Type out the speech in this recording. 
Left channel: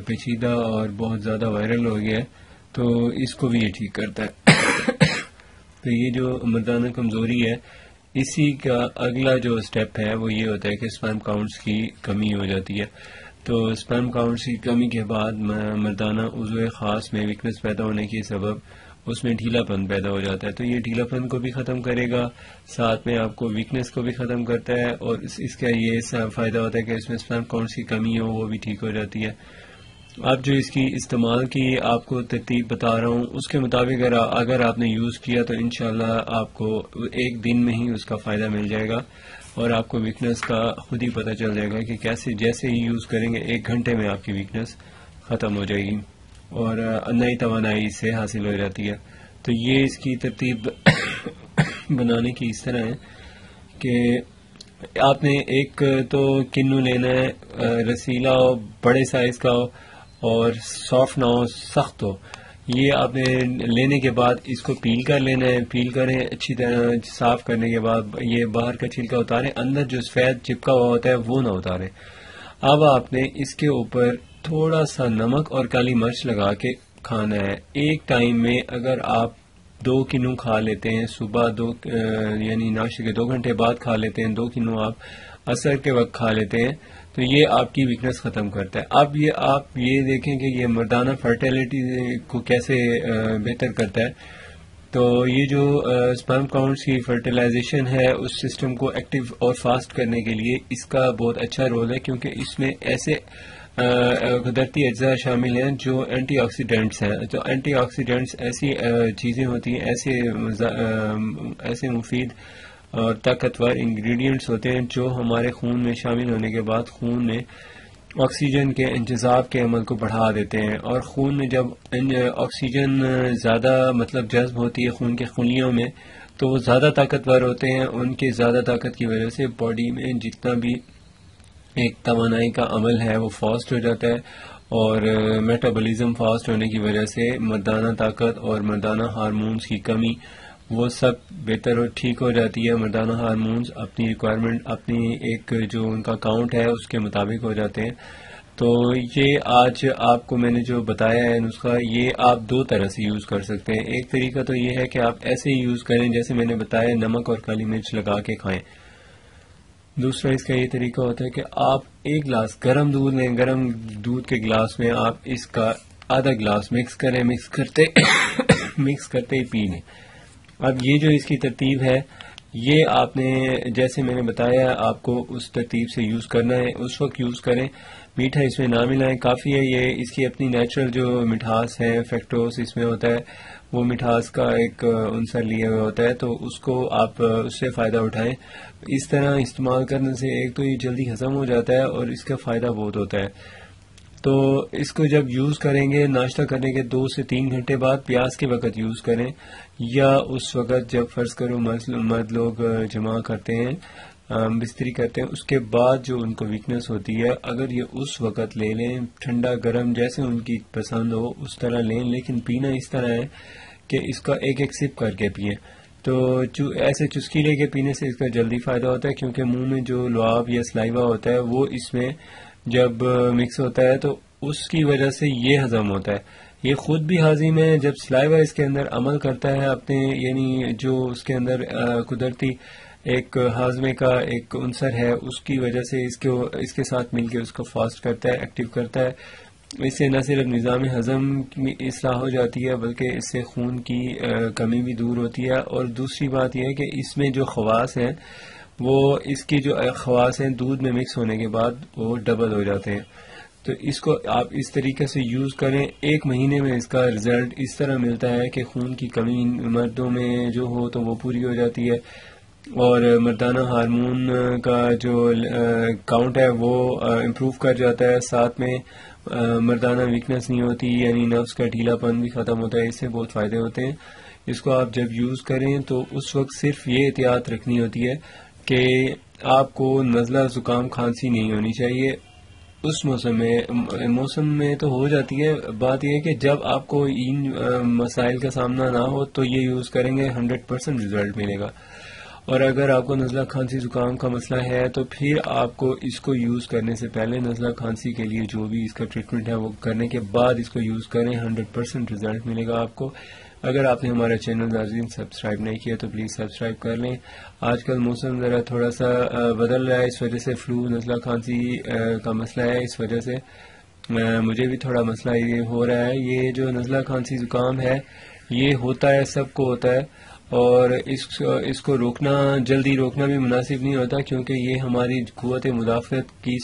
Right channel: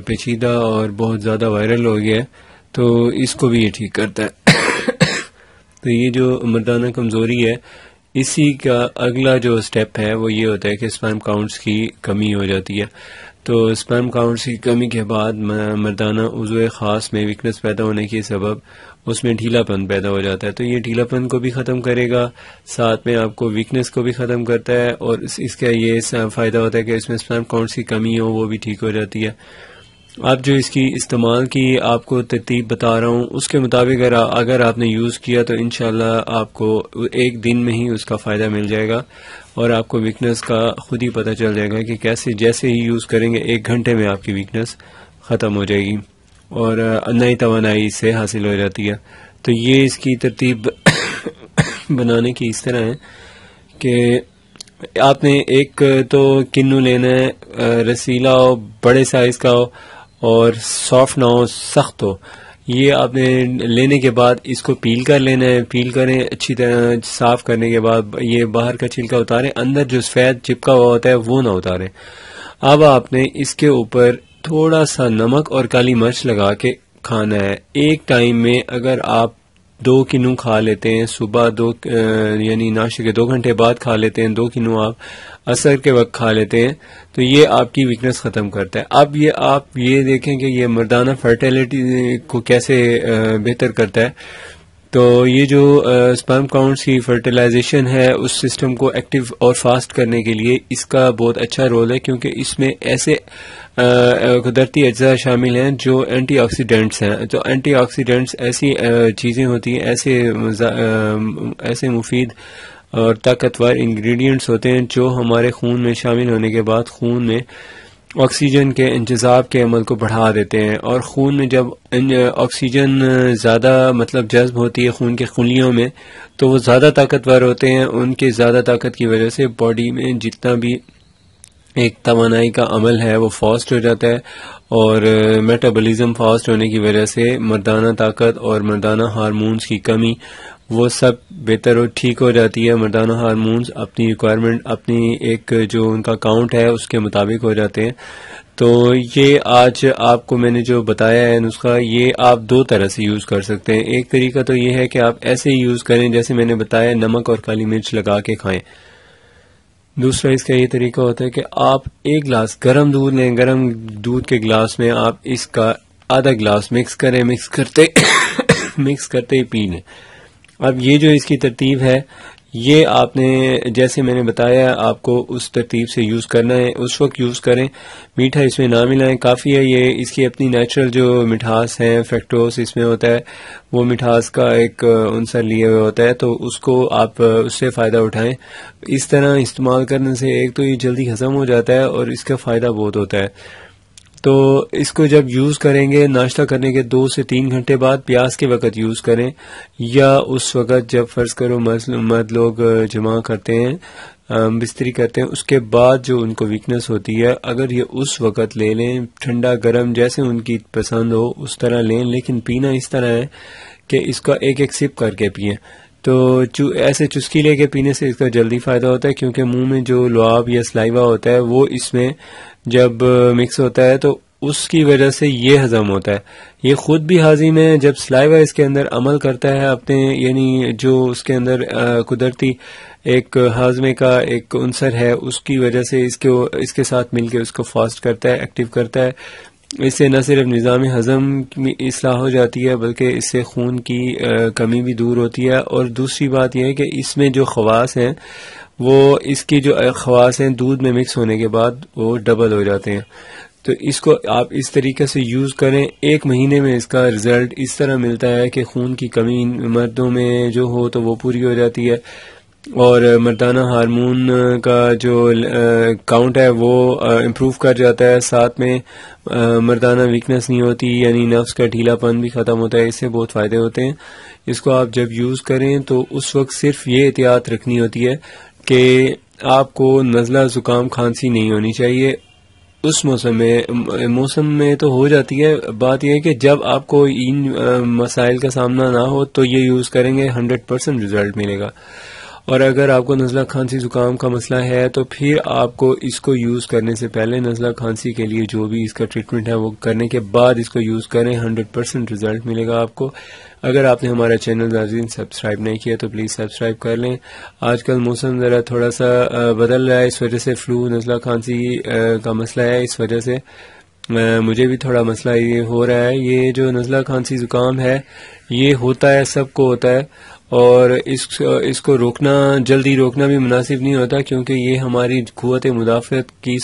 پیچیدہ اور بہت زیادہ وائرل ہو گیا ہے، تو اس کو بھی یہ ٹھیک کرتا ہے۔ تو یہ جو مردانہ کمزوری ہے، اسی کا اگلا جو سٹیپ ہے وہ یہ ہوتا ہے کہ سپرم کاؤنٹس کی کمی ہو جاتی ہے۔ تو سپرم کاؤنٹس کی کمی کے بعد مردانہ عضو خاص میں ویکنس پیدا ہونے کے سبب اس میں ڈھیلا پن پیدا ہو جاتا ہے۔ تو یہ ڈھیلا پن کو بھی ختم کرے گا، ساتھ میں آپ کو ویکنس کو بھی ختم کرتا ہے، اور اس کا یہ فائدہ ہوتا ہے کہ اس میں سپرم کاؤنٹس کی کمی ہو وہ بھی ٹھیک ہو جاتی ہے۔ اب جو اس کی استعمال کی آپ کو ترتیب بتا رہا ہوں، اس کے مطابق اگر آپ نے یوز کیا تو انشاءاللہ آپ کو ایک دن میں ہی اس کا فائدہ مل جائے گا، اور آپ کو ویکنس کا خود ہی پتہ چل جائے گا کہ کیسے جیسے ہی یوز کریں گے 1 گھنٹے میں آپ کی ویکنس ختم ہو جائے گی اور نئی توانائی اس سے حاصل ہو جاتی ہے۔ تو یہ اس کی ترتیب بنانے کی اس طرح ہے کہ آپ نے ایک تو کنو لینا ہے، رسیلا ہو، بڑے سائز کا ہو اور سافٹ نہ ہو، سخت ہو۔ یہ آپ نے لینے کے بعد اس کو پیل کر لینا ہے، پیل کریں اچھی طرح، صاف کرنے کے بعد یہ باہر کا چھلکا اتاریں، اندر جو سفید چپکا ہوا ہوتا ہے وہ نہ اتاریں۔ اب آپ نے اس کے اوپر تھوڑا سا نمک اور کالی مرچ لگا کے کھانا ہے۔ ایک ٹائم میں اگر آپ 2 کنو کھا لیتے ہیں، صبح یعنی ناشتے کے 2 گھنٹے بعد کھا لیتے ہیں، 2 کنو آپ عصر کے وقت کھا لیتے ہیں، تو یہ آپ کی ویکنس ختم کرتا ہے۔ اب یہ آپ یہ دیکھیں کہ یہ مردانہ فرٹیلیٹی کو کیسے بہتر کرتا ہے۔ تو یہ جو سپرم کاؤنٹس کی فرٹیلائزیشن ہے، اس سسٹم کو ایکٹیو اور فاسٹ کرنے کے لیے اس کا بہت اچھا رول ہے، کیونکہ اس میں ایسے قدرتی اجزاء شامل ہیں جو اینٹی آکسیڈنٹس ہیں۔ تو اینٹی آکسیڈنٹس ایسی چیزیں ہوتی ہیں، ایسے مفید اور طاقتور انگریڈینٹس ہوتے ہیں جو ہمارے خون میں شامل ہونے کے بعد خون میں آکسیجن کے انتظام کے عمل کو بڑھا دیتے ہیں، اور خون میں جب آکسیجن زیادہ جذب ہوتی ہے خون کے خلیوں میں، تو وہ زیادہ طاقتور ہوتے ہیں۔ ان کے زیادہ طاقت کی وجہ سے باڈی میں جتنا بھی ایک توانائی کا عمل ہے وہ فاسٹ ہو جاتا ہے، اور میٹابولزم فاسٹ ہونے کی وجہ سے مردانہ طاقت اور مردانہ ہارمونز کی کمی وہ سب بہتر اور ٹھیک ہو جاتی ہے۔ مردانہ ہارمونز اپنی ریکوائرمنٹ، اپنی ایک جو ان کا کاؤنٹ ہے اس کے مطابق ہو جاتے ہیں۔ تو یہ آج آپ کو میں نے جو بتایا ہے نسخہ، یہ آپ 2 طرح سے یوز کر سکتے ہیں۔ ایک طریقہ تو یہ ہے کہ آپ ایسے ہی یوز کریں جیسے میں نے بتایا، نمک اور کالی مرچ لگا کے کھائیں۔ دوسرا اس کا یہ طریقہ ہوتا ہے کہ آپ 1 گلاس گرم دودھ لیں، گرم دودھ کے گلاس میں آپ اس کا آدھا گلاس مکس کریں، مکس کرتے ہی پی لیں۔ اب یہ جو اس کی ترتیب ہے، یہ آپ نے جیسے میں نے بتایا آپ کو اس ترتیب سے یوز کرنا ہے، اس وقت یوز کریں، میٹھا اس میں نہ ملائیں، کافی ہے یہ اس کی اپنی نیچرل جو مٹھاس ہے، فیکٹوز اس میں ہوتا ہے، وہ مٹھاس کا ایک عنصر لیے ہوئے ہوتا ہے، تو اس کو آپ اس سے فائدہ اٹھائیں۔ اس طرح استعمال کرنے سے ایک تو یہ جلدی ہضم ہو جاتا ہے اور اس کا فائدہ بہت ہوتا ہے۔ تو اس کو جب یوز کریں گے ناشتہ کرنے کے 2 سے 3 گھنٹے بعد، پیاس کے وقت یوز کریں، یا اس وقت جب فرض کرو مرد لوگ جمع کرتے ہیں، بستری کرتے ہیں، اس کے بعد جو ان کو ویکنس ہوتی ہے، اگر یہ اس وقت لے لیں، ٹھنڈا گرم جیسے ان کی پسند ہو اس طرح لیں، لیکن پینا اس طرح ہے کہ اس کا ایک سپ کر کے پئیں۔ تو ایسے چسکی لے کے پینے سے اس کا جلدی فائدہ ہوتا ہے، کیونکہ منہ میں جو لعاب یا سلائیوا ہوتا ہے وہ اس میں جب مکس ہوتا ہے تو اس کی وجہ سے یہ ہضم ہوتا ہے۔ یہ خود بھی ہاضم ہے، جب سلائیوا اس کے اندر عمل کرتا ہے اپنے، یعنی جو اس کے اندر قدرتی ایک ہاضمے کا ایک عنصر ہے، اس کی وجہ سے اس کے ساتھ مل کے اس کو فاسٹ کرتا ہے، ایکٹیو کرتا ہے۔ اس سے نہ صرف نظام ہضم کی اصلاح ہو جاتی ہے بلکہ اس سے خون کی کمی بھی دور ہوتی ہے، اور دوسری بات یہ ہے کہ اس میں جو خواص ہیں، وہ اس کی جو خواص ہیں دودھ میں مکس ہونے کے بعد وہ ڈبل ہو جاتے ہیں۔ تو اس کو آپ اس طریقے سے یوز کریں، 1 مہینے میں اس کا رزلٹ اس طرح ملتا ہے کہ خون کی کمی مردوں میں جو ہو تو وہ پوری ہو جاتی ہے، اور مردانہ ہارمون کا جو کاؤنٹ ہے وہ امپروو کر جاتا ہے، ساتھ میں مردانہ ویکنس نہیں ہوتی، یعنی نفس کا ڈھیلا پن بھی ختم ہوتا ہے۔ اس سے بہت فائدے ہوتے ہیں۔ اس کو آپ جب یوز کریں تو اس وقت صرف یہ احتیاط رکھنی ہوتی ہے کہ آپ کو نزلہ، زکام، کھانسی نہیں ہونی چاہیے اس موسم میں تو ہو جاتی ہے۔ بات یہ ہے کہ جب آپ کو ان مسائل کا سامنا نہ ہو تو یہ یوز کریں گے، 100% رزلٹ ملے گا۔ اور اگر آپ کو نزلہ کھانسی زکام کا مسئلہ ہے تو پھر آپ کو اس کو یوز کرنے سے پہلے نزلہ کھانسی کے لیے جو بھی اس کا ٹریٹمنٹ ہے وہ کرنے کے بعد اس کو یوز کریں. 100% رزلٹ ملے گا آپ کو. اگر آپ نے ہمارا چینل ناظرین سبسکرائب نہیں کیا تو پلیز سبسکرائب کر لیں. آج کل موسم ذرا تھوڑا سا بدل رہا ہے, اس وجہ سے فلو نزلہ کھانسی کا مسئلہ ہے. اس وجہ سے مجھے بھی تھوڑا مسئلہ یہ ہو رہا ہے. یہ جو نزلہ کھانسی زکام ہے یہ ہوتا ہے, سب کو ہوتا ہے, اور اس کو روکنا, جلدی روکنا بھی مناسب نہیں ہوتا, کیونکہ یہ ہماری قوت مدافعت کی